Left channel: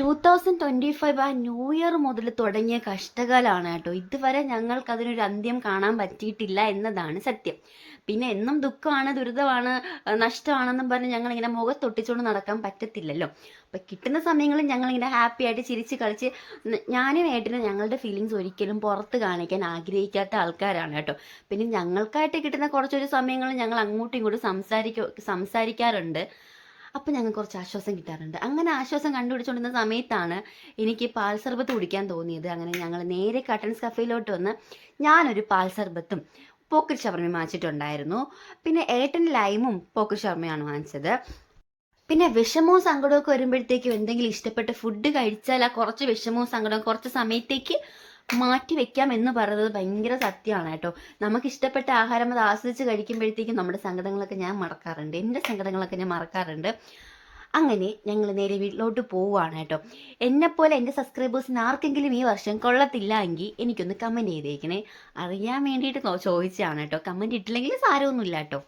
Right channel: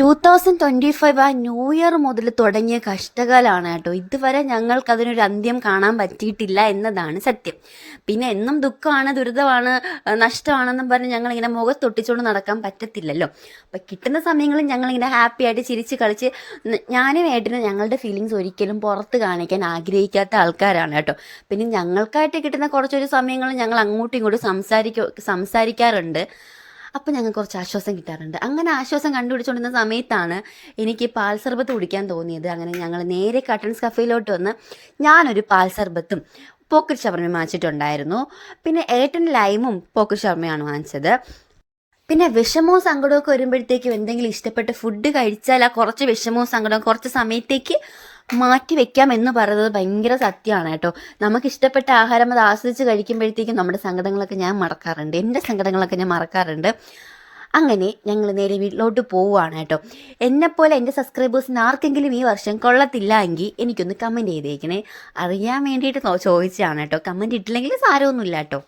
2025 ആ new year മുതൽ തുടങ്ങിയ കഷ്ടകാലമാണ് കേട്ടോ. ഇതുവരെ ഞങ്ങൾക്കതിനൊരു അന്ത്യം കാണാൻ പറ്റിയിട്ടില്ല എന്നതാണ് സത്യം. പിന്നെ എന്നും ദുഃഖമാണ്, ദുരിതമാണ്, നഷ്ടമാണെന്നും പറഞ്ഞ് ഞങ്ങളിങ്ങനെ മുഖത്തൊട്ടിച്ചുകൊണ്ട് നടക്കാൻ പറ്റത്തില്ലല്ലോ. അപ്പം കിട്ടുന്ന സമയങ്ങളിൽ ഞങ്ങളിങ്ങനെ ഹാപ്പി ആയിട്ട് ചിരിച്ച് കളിച്ച് ഞാനും ഏട്ടനും ഞങ്ങളുടെ ഫീലിങ്സ് ഒരിക്കലും പുറത്ത് കാണിക്കാൻ ആഗ്രഹിക്കാത്ത ആൾക്കാരാണ് കേട്ടോ. പിന്നെ ഞങ്ങൾക്കായിട്ട് കിട്ടുന്ന കുറച്ചൊരു സമയങ്ങൾ ഞങ്ങൾ അങ്ങോട്ടും ഇങ്ങോട്ടും സംസാരിക്കാറുണ്ട്. അപ്പം ഞങ്ങൾക്ക് കുറച്ച് ആശ്വാസം കിട്ടാറുണ്ട്. അങ്ങനെ ആശ്വാസം കണ്ടുപിടിച്ചുകൊണ്ടിരുന്ന സമയത്താണ് എനിക്ക് പാൽ സർബത്ത് കുടിക്കാൻ തോന്നിയത്. അങ്ങനെ ഞങ്ങൾ നേരെ കട്ടൻസ് കഫേയിലോട്ട് വന്ന് ഞാനൊരു പാൽ സർബത്തും പോക്കറ്റ് ഷവർമയും വാങ്ങിച്ചിട്ടുണ്ടായിരുന്നു. പിന്നെ ഏട്ടൻ ലൈമും പോക്കറ്റ് ഷവർമയാണ് വാങ്ങിച്ചത്. പിന്നെ വിഷമവും സങ്കടമൊക്കെ വരുമ്പോഴത്തേക്കും എന്തെങ്കിലും ഇഷ്ടപ്പെട്ട ഫുഡ് കഴിച്ചാൽ ആ കുറച്ച് വിഷമവും സങ്കടവും കുറച്ച് സമയത്തേക്ക് മാറ്റി വെക്കാം എന്ന് പറയുന്നത് ഭയങ്കര സത്യമാണ് കേട്ടോ. നമുക്ക് ഇഷ്ടപ്പെട്ട ആഹാരം അത് ആസ്വദിച്ച് കഴിക്കുമ്പോഴത്തേക്കും നമ്മുടെ സങ്കടങ്ങളൊക്കെ ഞാൻ മറക്കാറുണ്ട്, എൻ്റെ സങ്കടങ്ങളൊക്കെ ഞാൻ മറക്കാറുണ്ട്. അങ്ങനെ ഞങ്ങൾ നേരെ വീട്ടിലോട്ട് പോവുകയാണ് കേട്ടോ. എന്നെപ്പോലെ എൻ്റെ സബ്സ്ക്രൈബേഴ്സിന് ആർക്കെങ്കിലും ഈ വർഷം കൊള്ളത്തില്ല എങ്കിൽ എനിക്കൊന്ന് കമൻറ്റ് ചെയ്തേക്കണേ. അറിയാൻ വേണ്ടിയിട്ട് ചോദിച്ചതാണ് കേട്ടോ. കമൻറ്റ് ഇട്ടില്ലെങ്കിൽ സാരമൊന്നുമില്ല കേട്ടോ.